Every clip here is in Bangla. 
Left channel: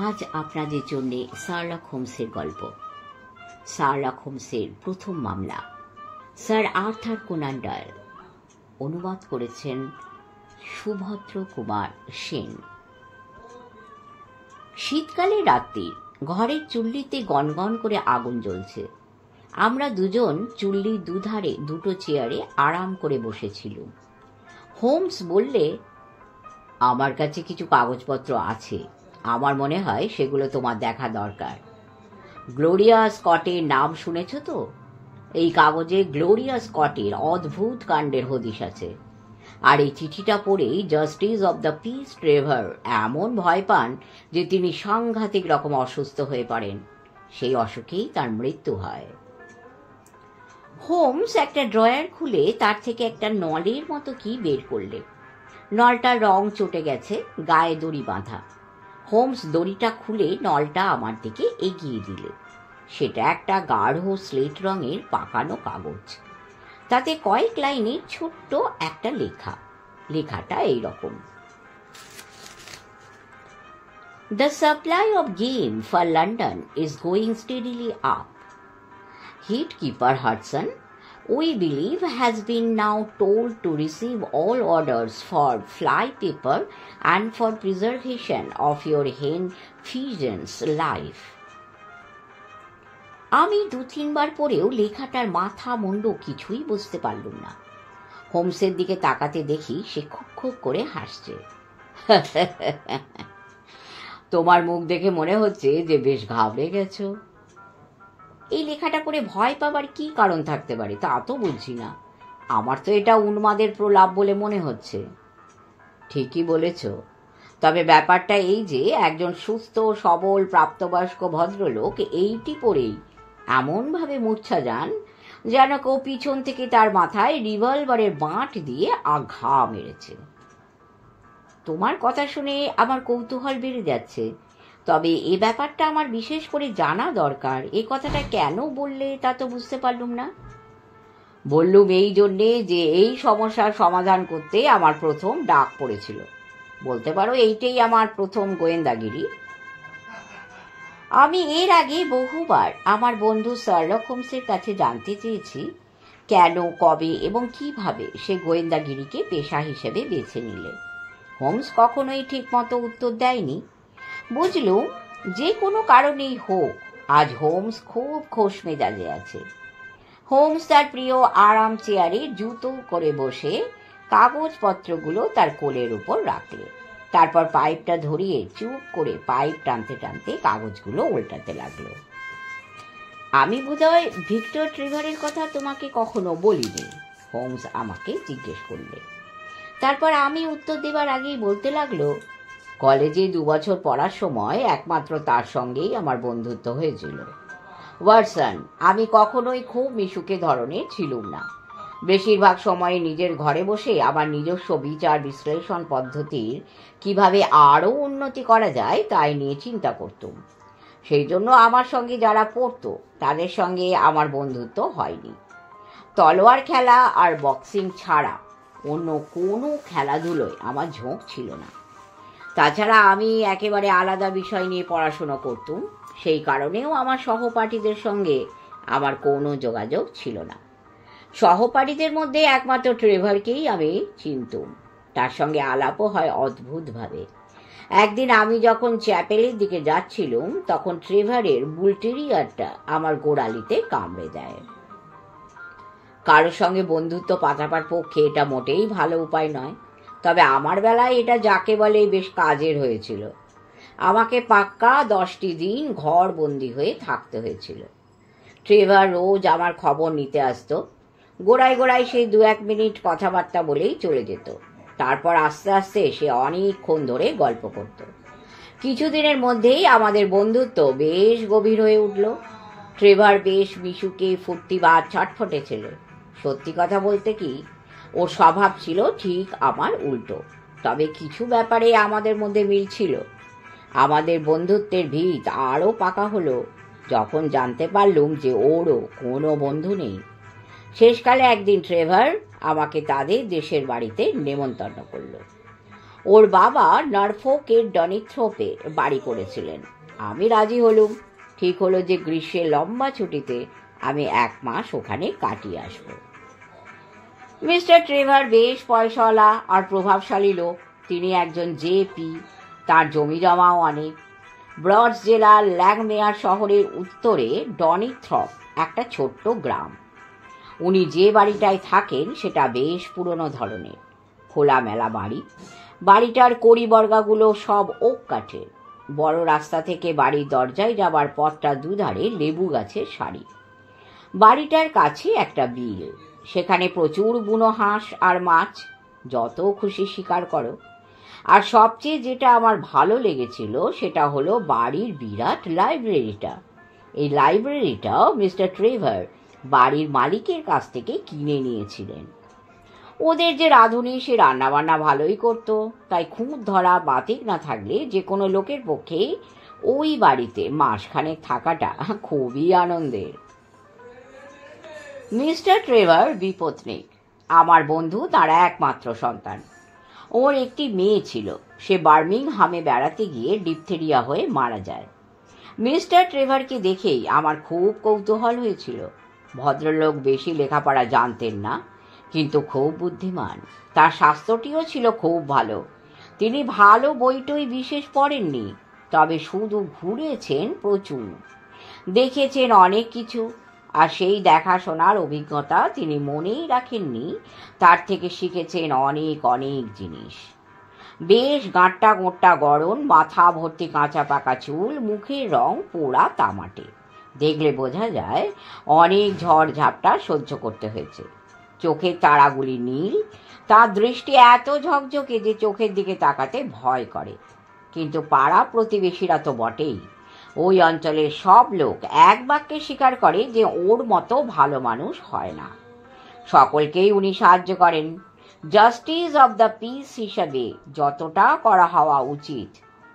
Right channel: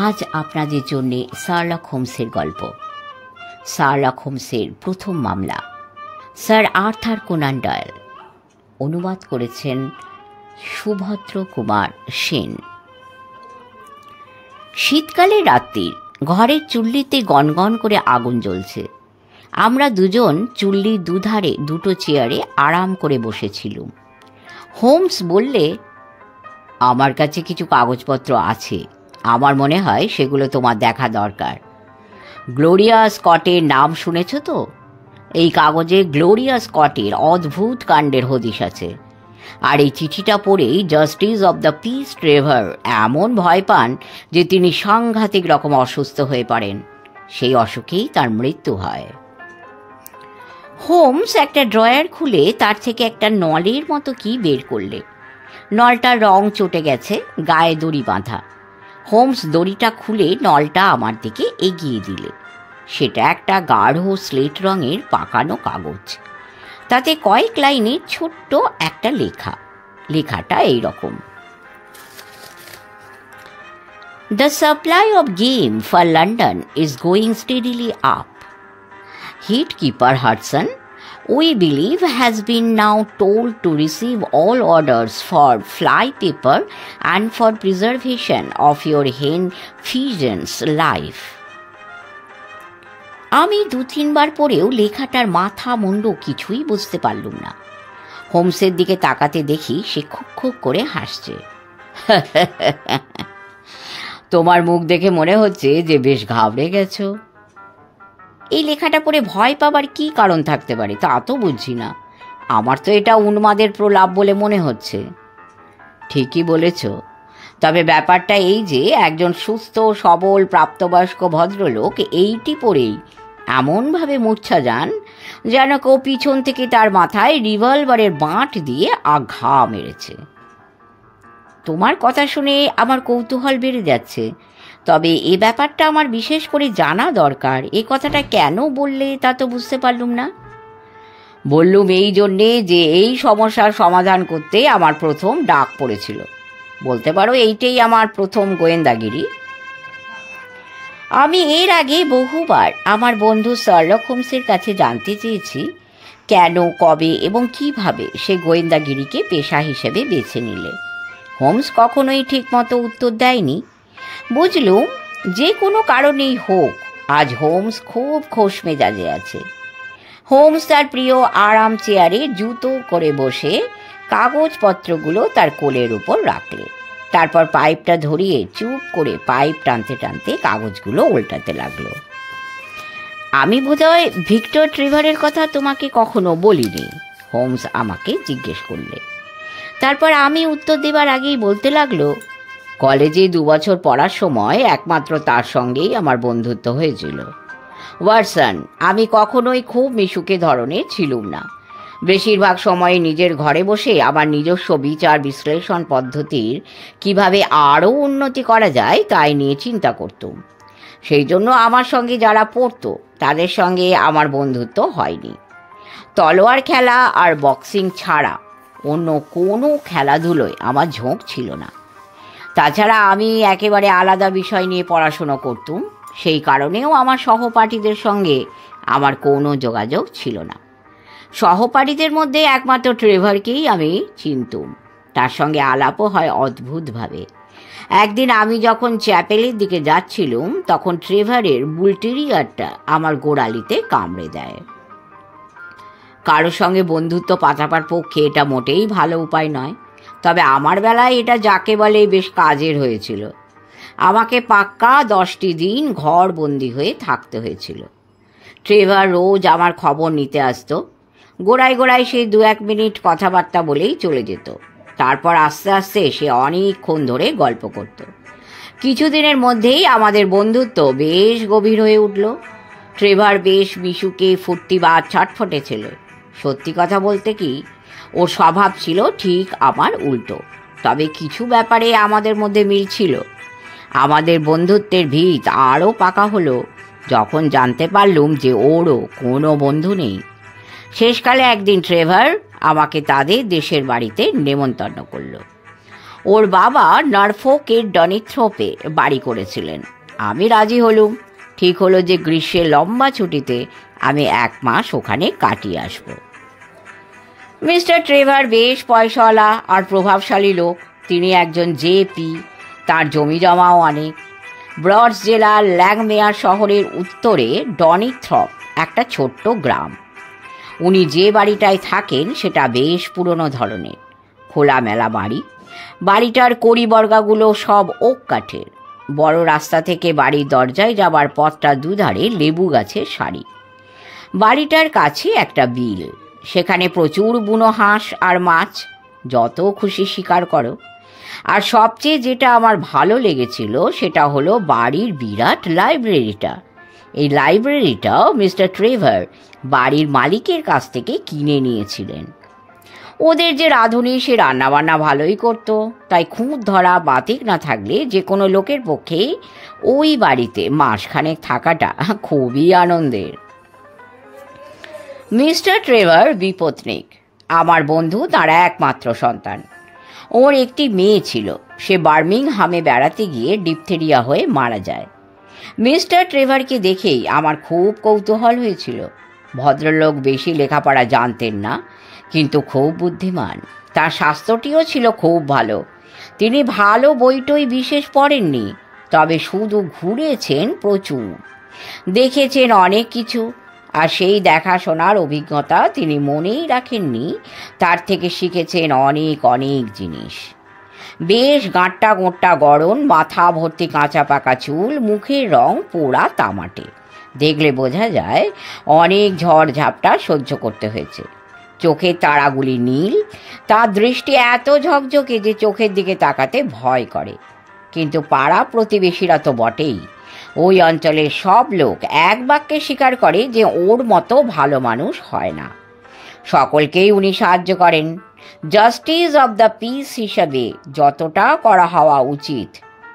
আজ আপনাদের জন্য শার্লক হোমসের গল্প। শার্লক হোমসের প্রথম মামলা, স্যার আর্থার কোনান ডয়েল। অনুবাদ করেছেন সুভদ্র কুমার সেন। শীতকালের রাত্রির ঘরের চুল্লিতে গনগন করে আগুন জ্বলছে। আমরা দুজন চুল্লির দুধারে দুটো চেয়ারে আরাম করে বসেছিলুম। হোমস বললে, আমার কাছে কিছু কাগজপত্র আছে, আমার মনে হয় সেগুলো তোমার দেখা দরকার। গ্লোরিয়া স্কটের নাম শুনেছ তো? এই কাগজে গ্লোরিয়া স্কটের অদ্ভুত কাণ্ডের হদিশ আছে। আর এই চিঠিটা পড়েই justice of the piece Trevor এমন ভয় পান যে তিনি সাংঘাতিক রকম অসুস্থ হয়ে পড়েন। সেই অসুখেই তার মৃত্যু হয়। হোমস একটা ড্রয়ার খুলে তার থেকে একটা নলের মতো কি বের করলে। নলটার রং চটে গেছে, গায়ে দড়ি বাঁধা। হোমস দড়িটা খুলে নলটা আমার দিকে এগিয়ে দিলে। সেটা একটা গাঢ় স্লেট রঙের পাকানো কাগজ। তাতে কয়েক লাইনে ছোট্ট একটা লেখা। লেখাটা এইরকম: The supply of game for London is going steadily up. Headkeeper Hudson, we believe, has been now told to receive all orders for fly paper and for preservation of your hen pigeon's life. আমি 2-3 বার পরেও লেখাটার মাথা মুন্ডু কিছুই বুঝতে পারলুম না। হোমসের দিকে তাকাতে দেখি সে খুব খুব করে হাসছে। তোমার মুখ দেখে মনে হচ্ছে যে বেশ ঘাবড়ে গেছো। এই লেখাটা পড়ে ভয় পাবার কি কারণ থাকতে পারে তা তো বুঝছি না। আমার তো এটা উন্মাদের প্রলাপ বলে মনে হচ্ছে। ঠিকই বলেছ, তবে ব্যাপারটা এই যে একজন সুস্থ সবল প্রাপ্তবয়স্ক ভদ্রলোক এইটি পড়েই এমনভাবে মূর্ছা যান যেন কেউ পিছন থেকে তার মাথায় রিভলভারের বাঁট দিয়ে আঘা মেরেছে। তোমার কথা শুনে আমার কৌতূহল বেড়ে যাচ্ছে, তবে এ ব্যাপারটা আমার বিশেষ করে জানা দরকার। এ কথাটা কেন বললে তা তো বুঝতে পারলুম না। বললুম এই জন্যে যে এই সমস্যার সমাধান করতে আমার প্রথম ডাক পড়েছিল। বলতে পারো এইটাই আমার প্রথম গোয়েন্দাগিরি। আমি এর আগে বহুবার আমার বন্ধু শার্লক হোমসের কাছে জানতে চেয়েছি কেন, কবে এবং কিভাবে সে গোয়েন্দাগিরিকে পেশা হিসেবে বেছে নিলে। হোমস কখনোই ঠিকমতো উত্তর দেয়নি। বুঝলুম যে কোনো কারণেই হোক আজ হোমস খুব খোশ মেজাজে আছে। হোমস তার প্রিয় আরাম চেয়ারে জুতো করে বসে কাগজপত্রগুলো তার কোলের উপর রাখলে। তারপর পাইপটা ধরিয়ে চুপ করে পাইপ টানতে টানতে কাগজগুলো উল্টাতে লাগলো। আমি বোধহয় ভিক্টর ট্রেভারের কথা তোমাকে কখনো বলিনি, হোমস আমাকে জিজ্ঞেস করলে। তারপর আমি উত্তর দেবার আগেই বলতে লাগলো, কলেজে 2 বছর পড়ার সময় একমাত্র তার সঙ্গেই আমার বন্ধুত্ব হয়েছিল। ওয়াটসন, আমি কখনোই খুব মিশুকে ধরনের ছিলুম না। বেশিরভাগ সময় নিজের ঘরে বসে আমার নিজস্ব বিচার বিশ্লেষণ পদ্ধতির কিভাবে আরও উন্নতি করা যায় তাই নিয়ে চিন্তা করতুম। সেই জন্য আমার সঙ্গে যারা পড়তো তাদের সঙ্গে আমার বন্ধুত্ব হয়নি। তলোয়ার খেলা আর বক্সিং ছাড়া অন্য কোনো খেলাধুলোয় আমার ঝোঁক ছিল না। তাছাড়া আমি একেবারে আলাদা বিষয় নিয়ে পড়াশুনো করতুম। সেই কারণেও আমার সহপাঠীদের সঙ্গে আমার কোনো যোগাযোগ ছিল না। সহপাঠীদের মধ্যে একমাত্র ট্রেভারকেই আমি চিনতুম। তার সঙ্গে আলাপও হয় অদ্ভুতভাবে। একদিন আমি যখন চ্যাপেলের দিকে যাচ্ছিলুম তখন ট্রেভারের বুলটেরিয়ারটা আমার গোড়ালিতে কামড়ে দেয়। কারোর সঙ্গে বন্ধুত্ব পাতাবার পক্ষে এটা মোটেই ভালো উপায় নয়, তবে আমার বেলায় এটা যাকে বলে বেশ কাজের হয়েছিল। আমাকে পাক্কা 10টি দিন ঘর বন্দি হয়ে থাকতে হয়েছিল। ট্রেভার রোজ আমার খবর নিতে আসতো। গোড়ায় গোড়ায় সে 2-1 মিনিট কথাবার্তা বলেই চলে যেত। তারপর আস্তে আস্তে সে অনেকক্ষণ ধরে গল্প করত। কিছুদিনের মধ্যেই আমাদের বন্ধুত্ব বেশ গভীর হয়ে উঠল। ট্রেভার বেশ মিশুকে ফুর্তিবাজ ছটফটে ছিল। সত্যি কথা বলতে কি, ওর স্বভাব ছিল ঠিক আমার উল্টো। তবে কিছু ব্যাপারে আমাদের মধ্যে মিল ছিল। আমাদের বন্ধুত্বের ভিত আরও পাকা হলো যখন জানতে পারলুম যে ওরও কোনো বন্ধু নেই। শেষকালে একদিন ট্রেভার আমাকে তাদের দেশের বাড়িতে নেমন্তন্ন করল। ওর বাবা নরফোকের ডনিথ্রোপে বাড়ি করেছিলেন। আমি রাজি হলুম। ঠিক হলো যে গ্রীষ্মের লম্বা ছুটিতে আমি 1 মাস ওখানে কাটিয়ে আসব। মিস্টার ট্রেভার বেশ পয়সাওয়ালা আর প্রভাবশালী লোক। তিনি একজন জেপি, তার জমি জমাও অনেক। ব্রডস জেলার ল্যাংমেয়ার শহরের উত্তরে ডনিথ্রপ একটা ছোট্ট গ্রাম। উনি যে বাড়িটায় থাকেন সেটা বেশ পুরনো ধরনের, খোলামেলা বাড়ি। বাড়িটার কড়িবর্গাগুলো সব ওক কাঠের। বড় রাস্তা থেকে বাড়ির দরজায় যাবার পথটা দুধারে লেবু গাছের সারি। বাড়িটার কাছে একটা বিল, সেখানে প্রচুর বুনো হাঁস আর মাছ, যত খুশি শিকার করো। আর সবচেয়ে যেটা আমার ভালো লেগেছিল সেটা হলো বাড়ির বিরাট লাইব্রেরিটা। এই লাইব্রেরিটাও মিস্টার ট্রেভার বাড়ির মালিকের কাছ থেকে কিনে নিয়েছিলেন। ওদের যে রাঁধুনি সে রান্নাবান্না ভালোই করতো, তাই খুঁত ধরা বাতিক না থাকলে যে কোনো লোকের পক্ষে ওই বাড়িতে মাসখানেক থাকাটা খুবই আনন্দের। মিস্টার ট্রেভার বিপত্নিক, আমার বন্ধু তার একমাত্র সন্তান। ওর একটি মেয়ে ছিল, সে বার্মিংহামে বেড়াতে গিয়ে ডিপথেরিয়া হয়ে মারা যায়। মিস্টার ট্রেভারকে দেখেই আমার খুব কৌতূহল হয়েছিল। ভদ্রলোক বেশি লেখাপড়া জানতেন না, কিন্তু খুব বুদ্ধিমান। তার স্বাস্থ্যটিও ছিল খুব ভালো। তিনি ভালো বইটই বিশেষ পড়েননি, তবে শুধু ঘুরেছেন প্রচুর, দেখেছেন অনেক কিছু। আর সেই দেখাশোনার অভিজ্ঞতা তিনি মনেই রাখেননি, তার থেকে শিখেছেন অনেক অনেক জিনিস। বেশ গাঁট্টা গোঁট্টা গড়ন, মাথা ভর্তি কাঁচা পাকা চুল, মুখের রং পোড়া তামাটে। দেখলে বোঝা যায় অনেক ঝড় ঝাপটা সহ্য করতে হয়েছে। চোখের তারাগুলি নীল, তার দৃষ্টি এত ঝকঝকে যে চোখের দিকে তাকাতে ভয় করে। কিন্তু পাড়া প্রতিবেশীরা তো বটেই। ওই অঞ্চলের সব লোক এক বাক্যে স্বীকার করে যে ওর মতো ভালো মানুষ হয় না। সকলকেই উনি সাহায্য করেন। জাস্টিস অব দ্য পিস হিসাবে যতটা করা হওয়া উচিত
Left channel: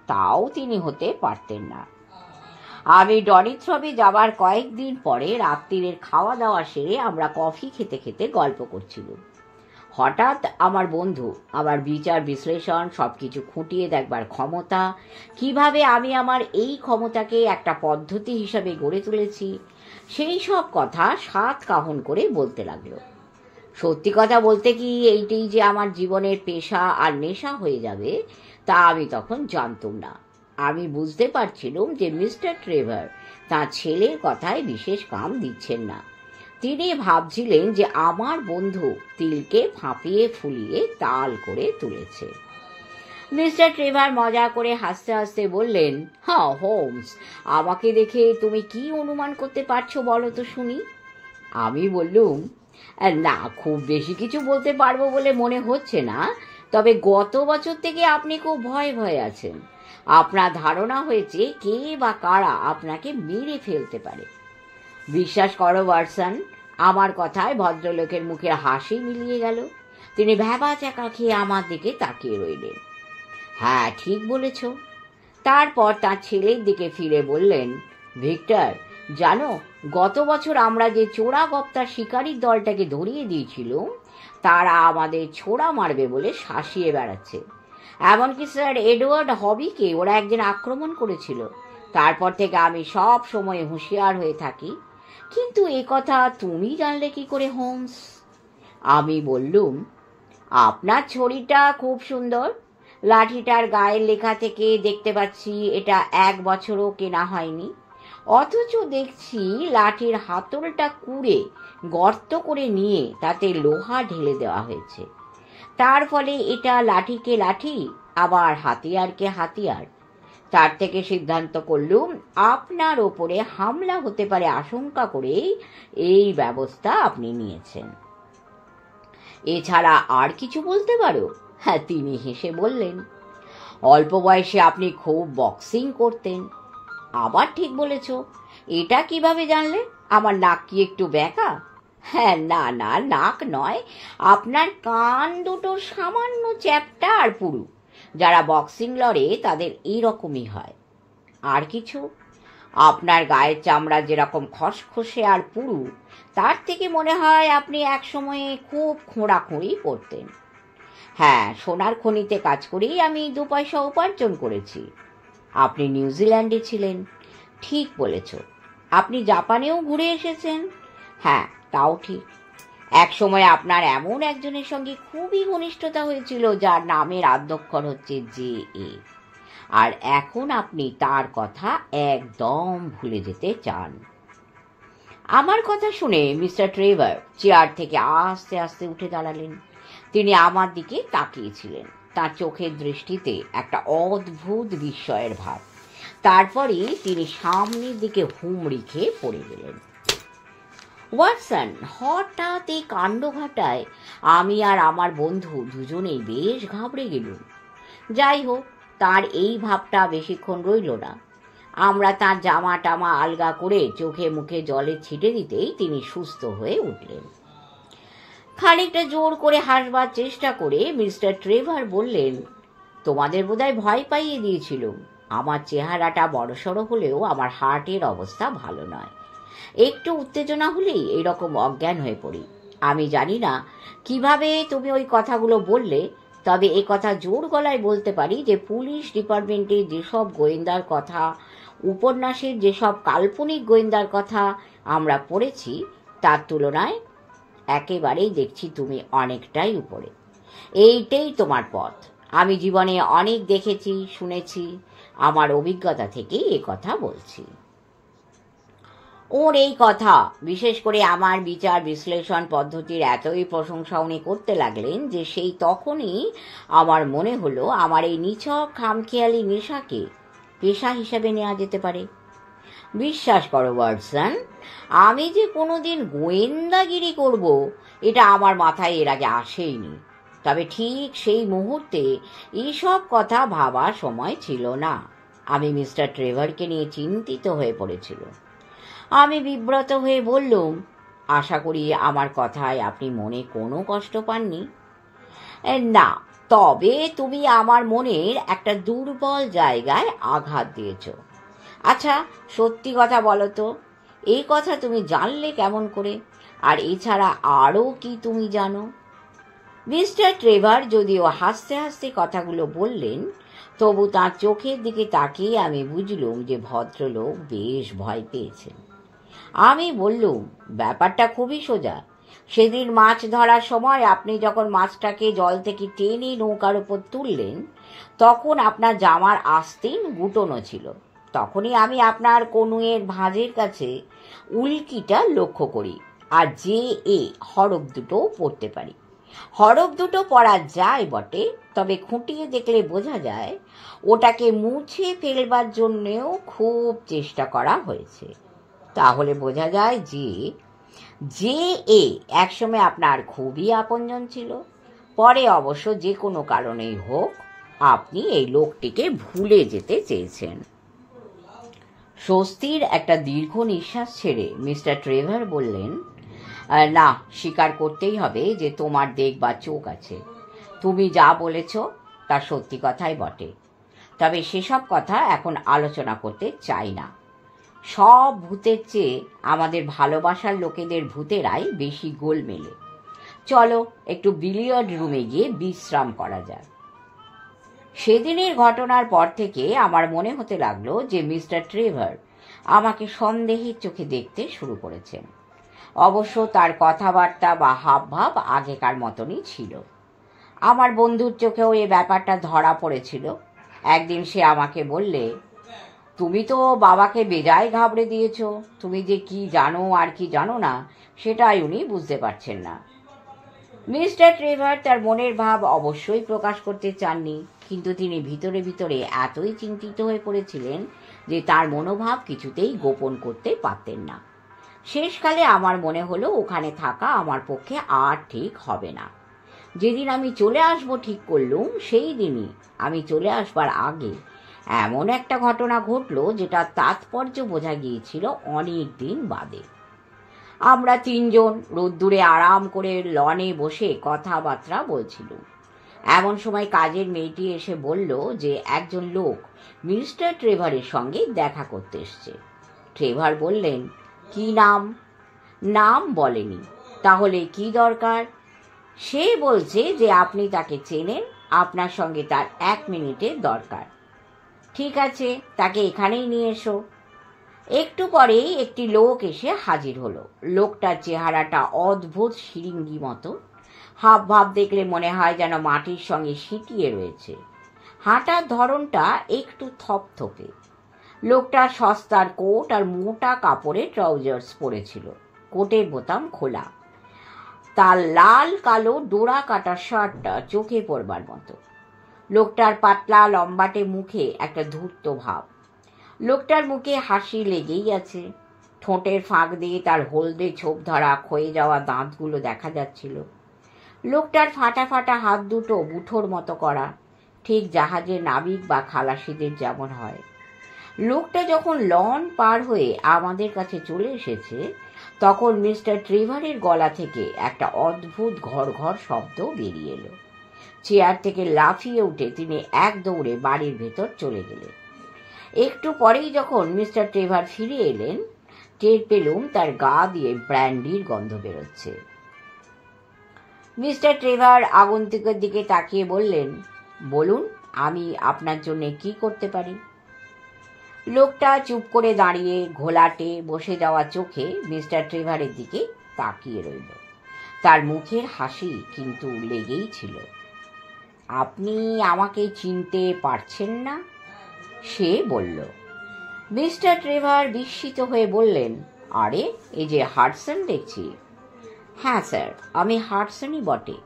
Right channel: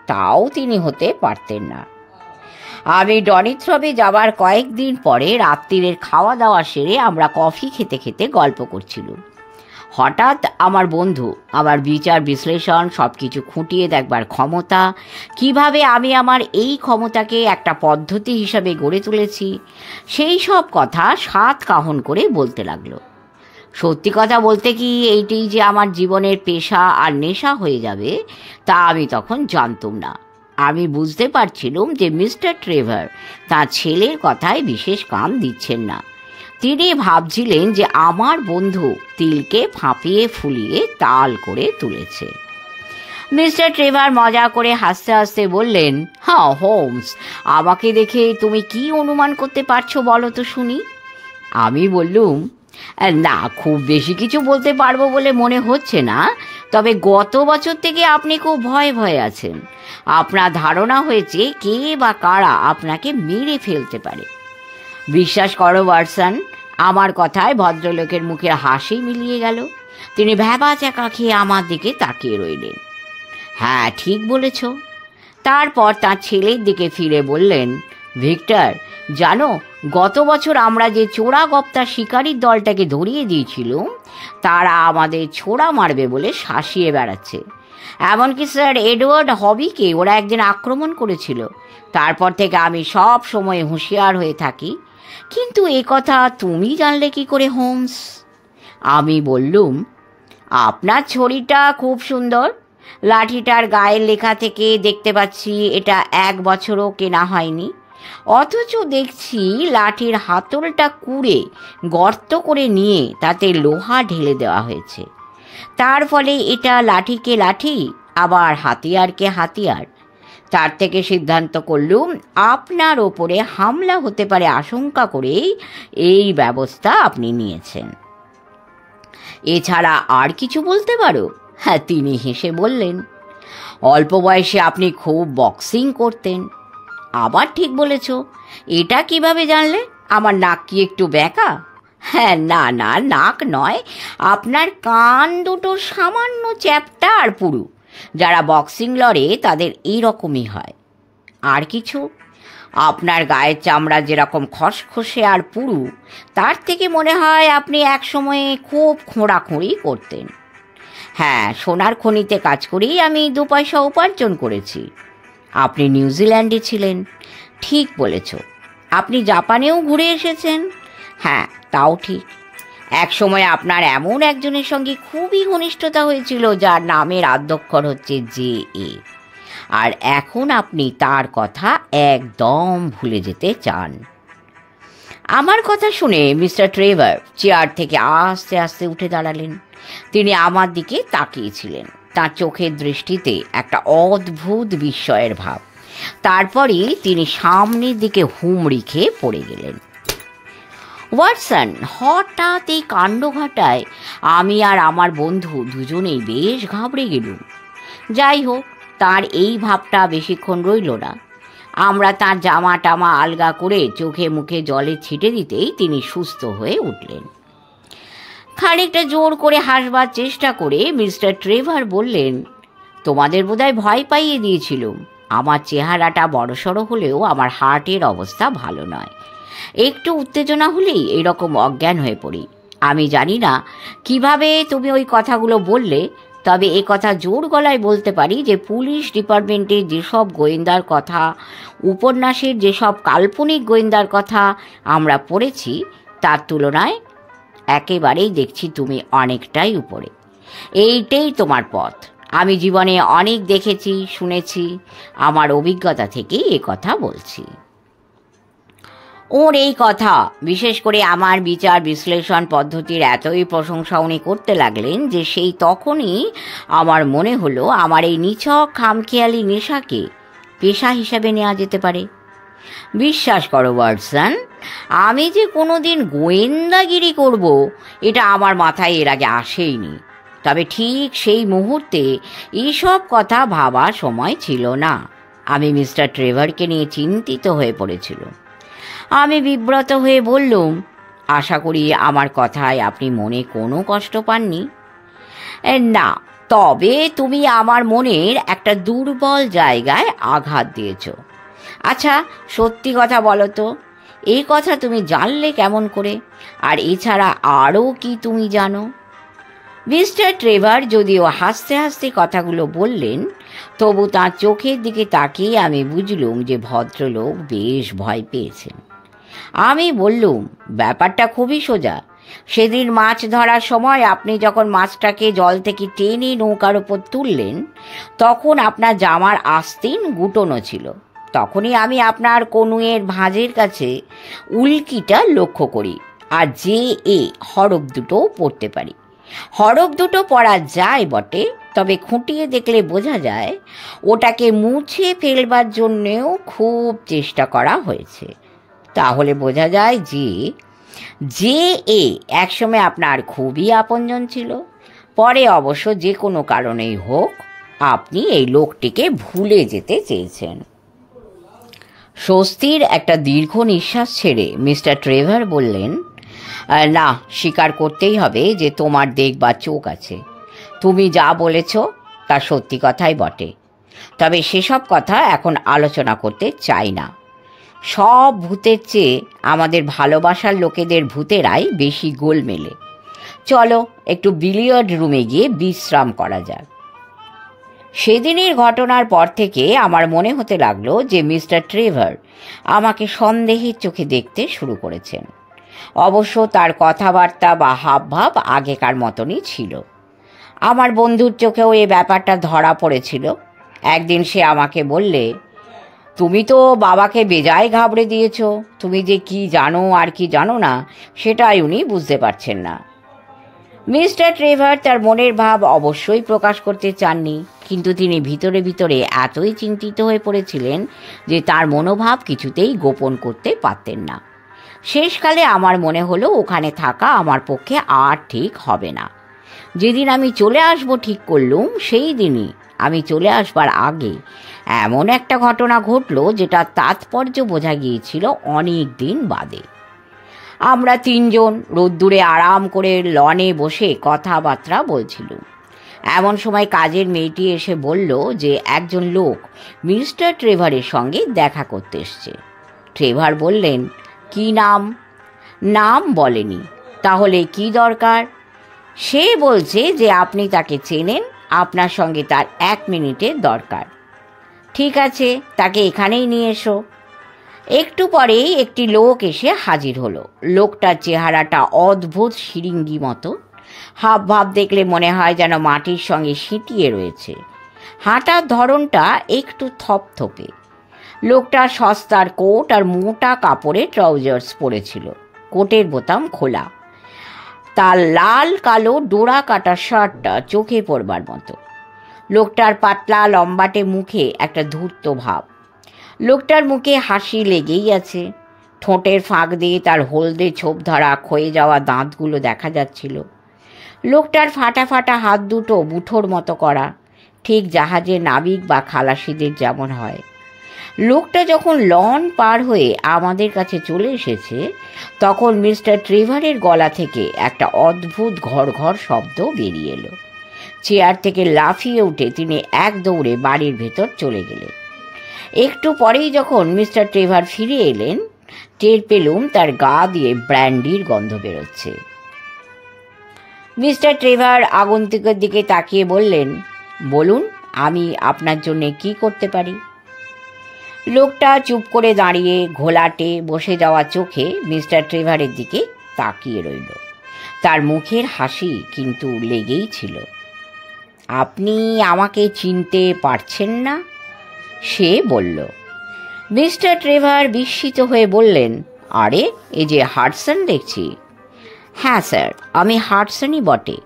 তাও তিনি হতে পারতেন না। আমি ডনিথ্রপে যাবার কয়েকদিন পরে রাত্রিরের খাওয়া দাওয়া সেরে আমরা কফি খেতে খেতে গল্প করছিলাম। হঠাৎ আমার বন্ধু আমার বিচার বিশ্লেষণ সব কিছু খুঁটিয়ে দেখবার ক্ষমতা, কিভাবে আমি আমার এই ক্ষমতাকে একটা পদ্ধতি হিসাবে গড়ে তুলেছি, সেই সব কথা সাত কাহন করে বলতে লাগলো। সত্যি কথা বলতে কি, এইটাই যে আমার জীবনের পেশা আর নেশা হয়ে যাবে তা আমি তখন জানতাম না। আমি বুঝতে পারছিলাম যে মিস্টার ট্রেভার তাঁর ছেলের কথায় বিশেষ কান দিচ্ছেন না। তিনি ভাবছিলেন যে আমার বন্ধু তিলকে ফাঁপিয়ে ফুলিয়ে তাল করে তুলেছে। মিস্টার ট্রেভার মজা করে হাসতে হাসতে বললেন, হ্যাঁ হোমস, আমাকে দেখে তুমি কি অনুমান করতে পারছো বলো তো শুনি। আমি বললুম, না, খুব বেশি কিছু বলতে পারবো বলে মনে হচ্ছে না, তবে গত বছর থেকে আপনি খুব ভয়ে ভয়ে আছেন। আপনার ধারণা হয়েছে কে বা কারা আপনাকে মেরে ফেলতে পারে। বিশ্বাস করো ওয়াটসন, আমার কথায় ভদ্রলোকের মুখে হাসি মিলিয়ে গেল। তিনি ভ্যাবা চাকা খেয়ে আমার দিকে তাকিয়ে রইলেন। হ্যাঁ, ঠিক বলেছ। তারপর তার ছেলের দিকে ফিরে বললেন, ভিক্টর, জানো গত বছর আমরা যে চোরা গপ্তা শিকারির দলটাকে ধরিয়ে দিয়েছিল, তারা আমাদের ছোড়া মারবে বলে শাসিয়ে বেড়াচ্ছে। এমনকি স্যার এডওয়ার্ড হবিকে ওরা একদিন আক্রমণ করেছিল। তারপর থেকে আমি সব সময় হুঁশিয়ার হয়ে থাকি। কিন্তু এ কথা তুমি জানলে কি করে হোমস? আমি বললুম, আপনার ছড়িটা খুব সুন্দর। লাঠিটার গায়ের লেখা থেকে দেখতে পাচ্ছি এটা 1 বছরও কেনা হয়নি। অথচ দেখছি লাঠির হাতলটা কুড়ে গর্ত করে নিয়ে তাতে লোহা ঢেলে দেওয়া হয়েছে। তার ফলে এটা লাঠিকে লাঠি, আবার হাতিয়ারকে হাতিয়ার। তার থেকে সিদ্ধান্ত করলুম আপনার ওপরে হামলা হতে পারে আশঙ্কা করেই এই ব্যবস্থা আপনি নিয়েছেন। এছাড়া আর কিছু বলতে পারো? হ্যাঁ, তিনি হেসে বললেন, অল্প বয়সে আপনি খুব বক্সিং করতেন। আবার ঠিক বলেছ। এটা কিভাবে জানলে? আমার নাক কি একটু বেঁকা? হ্যাঁ, না না, নাক নয়, আপনার কান দুটো সামান্য চ্যাপ্টা আর পুরু। যারা বক্সিং লড়ে তাদের এইরকমই হয়। আর কিছু? আপনার গায়ের চামড়া যেরকম খসখসে আর পুরু, তার থেকে মনে হয় আপনি এক সময়ে খুব খোঁড়াখুঁড়ি করতেন। হ্যাঁ, সোনার খনিতে কাজ করেই আমি 2 পয়সা উপার্জন করেছি। আপনি নিউজিল্যান্ডে ছিলেন, ঠিক বলেছ। আপনি জাপানেও ঘুরে এসেছেন, হ্যাঁ তাও ঠিক। এক সময় আপনার এমন একজনের সঙ্গে খুবই ঘনিষ্ঠতা হয়েছিল যার নামের আদ্যক্ষর হচ্ছে JA, আর এখন আপনি তার কথা একদম ভুলে যেতে চান। আমার কথা শুনে মিস্টার ট্রেভার চেয়ার থেকে আস্তে আস্তে উঠে দাঁড়ালেন। তিনি আমার দিকে তাকিয়েছিলেন, তার চোখের দৃষ্টিতে একটা অদ্ভুত বিস্ময়ের ভাব। তারপরই তিনি সামনের দিকে হুমড়ি খেয়ে পড়ে গেলেন। ওয়াটসন, হঠাৎ এই কাণ্ড ঘটায় আমি আর আমার বন্ধু দুজনেই বেশ ঘাবড়ে গেলুম। যাই হোক, তার এই ভাবটা বেশিক্ষণ রইল না। আমরা তার জামা টামা আলগা করে চোখে মুখে জলে ছিটে দিতেই তিনি সুস্থ হয়ে উঠলেন। খানিকটা জোর করে হাসবার চেষ্টা করে মিস্টার ট্রেভার বললেন, তোমাদের বোধহয় ভয় পাইয়ে দিয়েছিলুম। আমার চেহারাটা বড়সড় হলেও আমার হার্টের অবস্থা ভালো নয়। একটু উত্তেজনা হলেই এরকম অজ্ঞান হয়ে পড়ি। আমি জানি না কিভাবে তুমি ওই কথাগুলো বললে, তবে এ কথা জোর গলায় বলতে পারি যে পুলিশ ডিপার্টমেন্টের যেসব গোয়েন্দার কথা, উপন্যাসের যেসব কাল্পনিক গোয়েন্দার কথা আমরা পড়েছি, তার তুলনায় একেবারেই দেখছি তুমি অনেকটাই উপরে। এইটাই তোমার পথ। আমি জীবনে অনেক দেখেছি, শুনেছি, আমার অভিজ্ঞতা থেকেই এ কথা বলছি। ওর এই কথা, বিশেষ করে আমার বিচার বিশ্লেষণ পদ্ধতির এতই প্রশংসা উনি করতে লাগলেন যে সেই তখনই আমার মনে হলো আমার এই নিছক খামখেয়ালি নেশাকে পেশা হিসাবে নেওয়া যেতে পারে। বিশ্বাস করো ওয়াটসন, আমি যে কোনো দিন গোয়েন্দাগিরি করব এটা আমার মাথায় এর আগে আসেইনি। তবে ঠিক সেই মুহূর্তে এইসব কথা ভাবার সময় ছিল না। আমি মিস্টার ট্রেভারকে নিয়ে চিন্তিত হয়ে পড়েছিল। আমি বিব্রত হয়ে বললুম, আশা করি আমার কথায় আপনি মনে কোনো কষ্ট পাননি। না, তবে তুমি আমার মনের একটা দুর্বল জায়গায় আঘাত দিয়েছ। আচ্ছা, সত্যি কথা বলো তো, এই কথা তুমি জানলে কেমন করে? আর এছাড়া আরও কি তুমি জানো? মিস্টার ট্রেভার যদিও হাসতে হাসতে কথাগুলো বললেন, তবু তাঁর চোখের দিকে তাকিয়ে আমি বুঝলুম যে ভদ্রলোক বেশ ভয় পেয়েছেন। আমি বললুম, ব্যাপারটা খুবই সোজা। সেদিন মাছ ধরার সময় আপনি যখন মাছটাকে জল থেকে টেনে নৌকার ওপর তুললেন, তখন আপনার জামার আস্তিন গুটোনো ছিল। তখনই আমি আপনার কনুইয়ের ভাঁজের কাছে উল্কিটা লক্ষ্য করি, আর JA হরফ দুটোও পড়তে পারি। হরফ দুটো পড়া যায় বটে, তবে খুঁটিয়ে দেখলে বোঝা যায় ওটাকে মুছে ফেলবার জন্যেও খুব চেষ্টা করা হয়েছে। তাহলে বোঝা যায় যে JA একসময় আপনার খুবই আপনজন ছিল। পরে অবশ্য যে কোনো কারণেই হোক আপনি এই লোকটিকে ভুলে যেতে চেয়েছেন। স্বস্তির একটা দীর্ঘ নিঃশ্বাস ছেড়ে মিস্টার ট্রেভার বললেন, না, স্বীকার করতেই হবে যে তোমার দেখবার চোখ আছে। তুমি যা বলেছ তা সত্যি কথাই বটে। তবে সেসব কথা এখন আলোচনা করতে চাই না। সব ভূতের চেয়ে আমাদের ভালোবাসার লোকেদের ভূতেরাই বেশি গোলমেলে। চলো একটু বিলিয়ার্ড রুমে গিয়ে বিশ্রাম করা যাক। সেদিনের ঘটনার পর থেকে আমার মনে হতে লাগলো যে মিস্টার ট্রেভার আমাকে সন্দেহের চোখে দেখতে শুরু করেছেন। অবশ্য তার কথাবার্তা বা হাবভাব আগেকার মতনই ছিল। আমার বন্ধুর চোখেও এই ব্যাপারটা ধরা পড়েছিল। একদিন সে আমাকে বললে, তুমি তো বাবাকে বেজায় ঘাবড়ে দিয়েছ। তুমি যে কি জানো আর কি জানো না সেটাই উনি বুঝতে পারছেন না। মিস্টার ট্রেভার তার মনের ভাব অবশ্যই প্রকাশ করতে চাননি, কিন্তু তিনি ভিতরে ভিতরে এতই চিন্তিত হয়ে পড়েছিলেন যে তার মনোভাব কিছুতেই গোপন করতে পারতেন না। শেষকালে আমার মনে হলো ওখানে থাকা আমার পক্ষে আর ঠিক হবে না। যেদিন আমি চলে আসবো ঠিক করলুম, সেই দিনই আমি চলে আসবার আগে এমন একটা ঘটনা ঘটল যেটা তাৎপর্য বোঝা গিয়েছিল অনেক দিন বাদে। আমরা তিনজন রোদ্দুরে আরাম করে লনে বসে কথাবার্তা বলছিলুম। এমন সময় কাজের মেয়েটি এসে বলল যে একজন লোক মিস্টার ট্রেভারের সঙ্গে দেখা করতে এসছে। ট্রেভার বললেন, কি নাম? নাম বলেনি। তাহলে কি দরকার? সে বলছে যে আপনি তাকে চেনেন, আপনার সঙ্গে তার 1 মিনিটের দরকার। ঠিক আছে, তাকে এখানেই নিয়ে এসো। একটু পরেই একটি লোক এসে হাজির হলো। লোকটার চেহারাটা অদ্ভুত শিরিঙ্গি মতো, হাব ভাব দেখলে মনে হয় যেন মাটির সঙ্গে সিঁটিয়ে রয়েছে। হাঁটার ধরনটা একটু থপথপে। লোকটা সস্তার কোট আর মোটা কাপড়ের ট্রাউজার্স পরেছিল, কোটের বোতাম খোলা। তার লাল কালো ডোরা কাটা শার্টটা চোখে পড়বার মতো। লোকটার পাতলা লম্বাটে মুখে একটা ধূর্ত ভাব। লোকটার মুখে হাসি লেগেই আছে। ঠোঁটের ফাঁক দিয়ে তার হলদে ছোপ ধরা ক্ষয়ে যাওয়া দাঁতগুলো দেখা যাচ্ছিল। লোকটার ফাটা ফাটা হাত দুটো মুঠোর মতো করা, ঠিক জাহাজের নাবিক বা খালাসিদের যেমন হয়। লোকটা যখন লন পার হয়ে আমাদের কাছে চলে এসেছে, তখন মিস্টার ট্রেভারের গলা থেকে একটা অদ্ভুত ঘর ঘর শব্দ বেরিয়ে এলো। চেয়ার থেকে লাফিয়ে উঠে তিনি এক দৌড়ে বাড়ির ভেতর চলে গেলেন। একটু পরেই যখন মিস্টার ট্রেভার ফিরে এলেন, টের পেলুম তার গা দিয়ে ব্র্যান্ডির গন্ধ বেরোচ্ছে। মিস্টার ট্রেভার আগন্তুকের দিকে তাকিয়ে বললেন, বলুন, আমি আপনার জন্য কি করতে পারি? লোকটা চুপ করে দাঁড়িয়ে ঘোলাটে বসে যাওয়া চোখে মিস্টার ট্রেভারের দিকে তাকিয়ে রইল। তার মুখের হাসি কিন্তু লেগেই ছিল। আপনি আমাকে চিনতে পারছেন না? সে বলল। মিস্টার ট্রেভার বিস্মিত হয়ে বললেন, আরে, এই যে হাডসন দেখছি। হ্যাঁ স্যার, আমি হাডসনই বটে।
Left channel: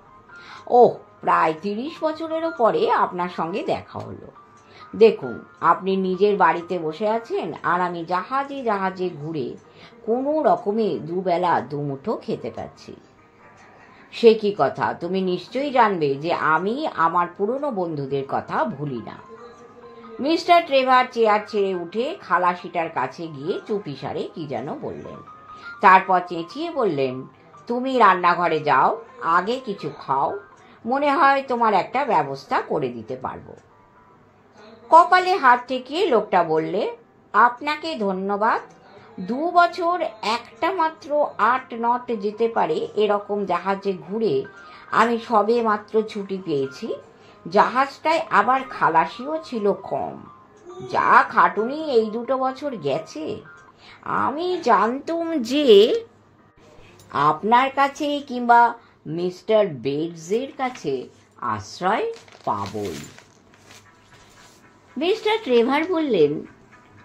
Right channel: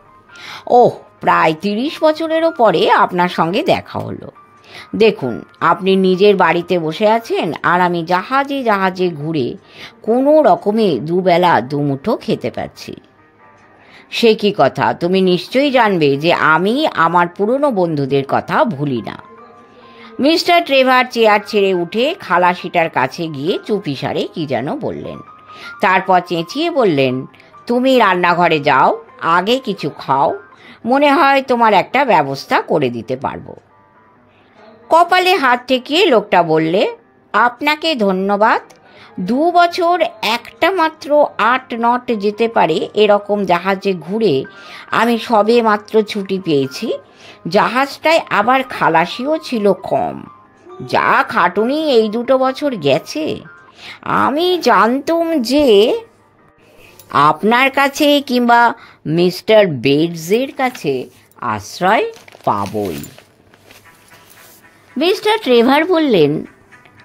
ওহ, প্রায় 30 বছরেরও পরে আপনার সঙ্গে দেখা হলো। দেখুন, আপনি নিজের বাড়িতে বসে আছেন, আর আমি জাহাজে জাহাজে ঘুরে কোনো রকমে দুবেলা দুমুঠো খেতে পাচ্ছি। সে কি কথা? তুমি নিশ্চয়ই জানবে যে আমি আমার পুরনো বন্ধুদের কথা ভুলি না। মিস্টার ট্রেভার চেয়ার ছেড়ে উঠে খালাসিটার কাছে গিয়ে চুপিসারে কি যেন বললেন। তারপর চেঁচিয়ে বললেন, তুমি রান্নাঘরে যাও, আগে কিছু খাও, মনে হয় তোমার একটা ব্যবস্থা করে দিতে পারবো। কপালে হাত ঠেকিয়ে লোকটা বললে, আপনাকে ধন্যবাদ। 2 বছর একটা মাত্র 8 নট যেতে পারে এরকম জাহাজে ঘুরে আমি সবে মাত্র ছুটি পেয়েছি। জাহাজটায় আবার খালাসিও ছিল কম। যা খাটুনি এই 2 বছর গেছে। আমি জানতুম যে আপনার কাছে কিংবা মিস্টার বেডসের কাছে আশ্রয় পাবই। মিস্টার ট্রেভার বললেন,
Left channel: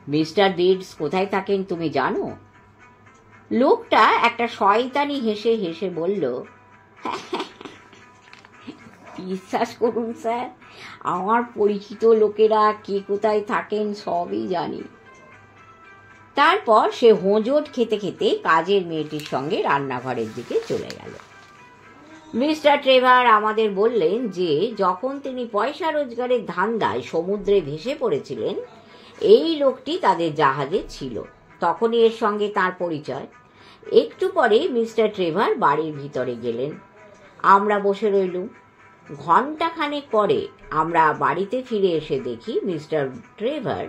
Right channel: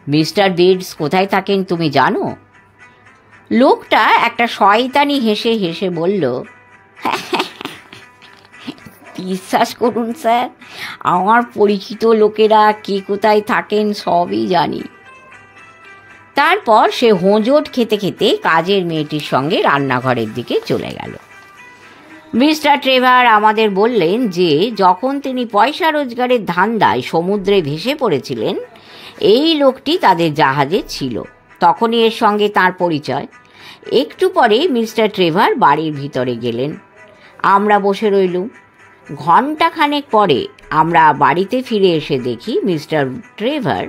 মিস্টার বেডস কোথায় থাকেন তুমি জানো? লোকটা একটা শয়তানি হেসে হেসে বলল, বিশ্বাস করুন স্যার, আমার পরিচিত লোকেরা কে কোথায় থাকেন সবই জানি। তারপর সে হোঁচট খেতে খেতে কাজের মেয়েটির সঙ্গে রান্নাঘরের দিকে চলে গেল। মিস্টার ট্রেভার আমাদের বললেন যে যখন তিনি পয়সা রোজগারের ধান্দায় সমুদ্রে ভেসে পড়েছিলেন, এই লোকটি তাদের জাহাজে ছিল। তখনই এর সঙ্গে তার পরিচয়। একটু পরে মিস্টার ট্রেভার বাড়ির ভিতরে গেলেন। আমরা বসে রইলুম। ঘণ্টাখানেক পরে আমরা বাড়িতে ফিরে এসে দেখি মিস্টার ট্রেভার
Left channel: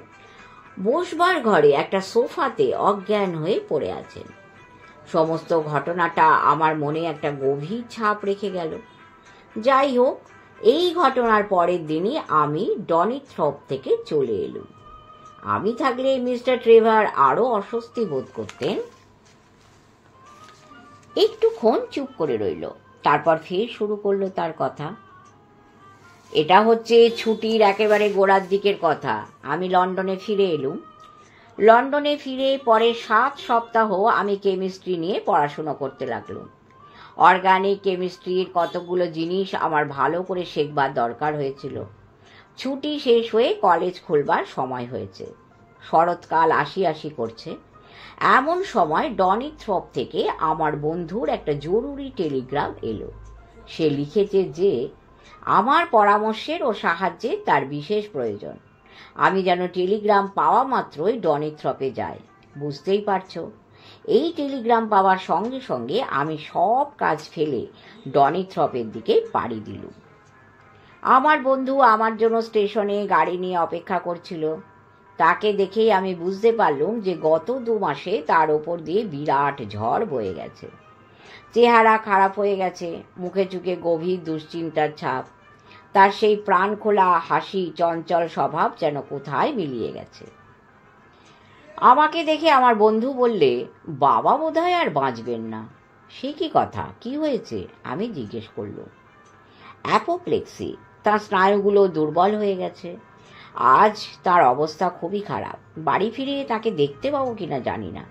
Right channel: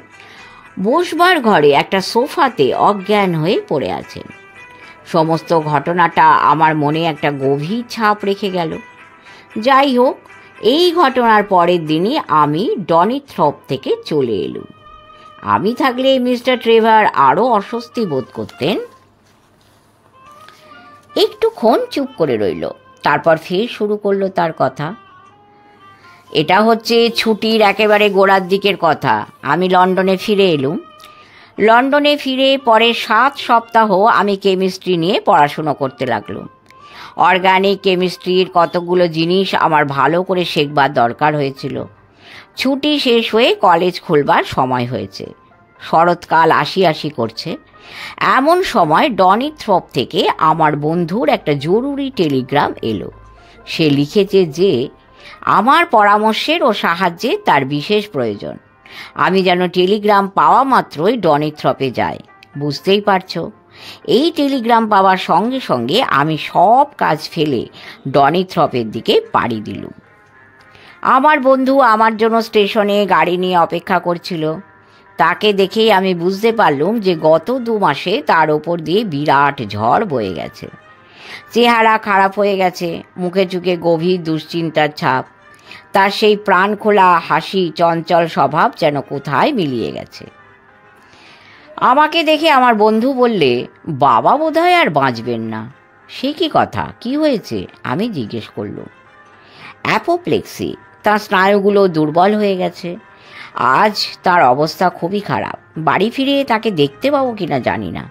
বসবার ঘরে একটা সোফাতে অজ্ঞান হয়ে পড়ে আছেন। সমস্ত ঘটনাটা আমার মনে একটা গভীর ছাপ রেখে গেল। যাই হোক, এই ঘটনার পরের দিনই আমি ডনিথ্রপ থেকে চলে এলুম। আমি থাকলে মিস্টার ট্রেভার আরও অস্বস্তি বোধ করতেন। একটুক্ষণ চুপ করে রইল, তারপর ফের শুরু করলো তার কথা। এটা হচ্ছে ছুটির একেবারে গোড়ার দিকের কথা। আমি লন্ডনে ফিরে এলুম। লন্ডনে ফিরে পরে 7 সপ্তাহ আমি কেমিস্ট্রি নিয়ে পড়াশুনো করতে লাগলাম। অর্গানিক কেমিস্ট্রির কতগুলো জিনিস আমার ভালো করে শেখবার দরকার হয়েছিল। ছুটি শেষ হয়ে কলেজ খুলবার সময় হয়েছে। শরৎকাল আসি আসি করছে। এমন সময় ডনিথ্রপ থেকে আমার বন্ধুর একটা জরুরি টেলিগ্রাম এলো। সে লিখেছে যে আমার পরামর্শের ও সাহায্যে তার বিশেষ প্রয়োজন। আমি যেন টেলিগ্রাম পাওয়া মাত্রই ডনিথ্রপে যাই। বুঝতেই পারছো, এই টেলিগ্রাম পাওয়ার সঙ্গে সঙ্গে আমি সব কাজ ফেলে ডনিথ্রপের দিকে পাড়ি দিলুম। আমার বন্ধু আমার জন্য স্টেশনে গাড়ি নিয়ে অপেক্ষা করছিল। তাকে দেখেই আমি বুঝতে পারলুম যে গত 2 মাসে তার ওপর দিয়ে বিরাট ঝড় বয়ে গেছে। চেহারা খারাপ হয়ে গেছে, মুখে চুখে গভীর দুশ্চিন্তার ছাপ। তার সেই প্রাণ খোলা হাসি, চঞ্চল স্বভাব যেন কোথায় মিলিয়ে গেছে। আমাকে দেখে আমার বন্ধু বললে, বাবা বোধহয় আর বাঁচবেন না। সে কি কথা, কি হয়েছে? আমি জিজ্ঞেস করলুম। অ্যাপোপ্লেক্সি, তার স্নায়ুগুলো দুর্বল হয়ে গেছে। আজ তার অবস্থা খুবই খারাপ। বাড়ি ফিরে তাকে দেখতে পাবো কিনা জানি না।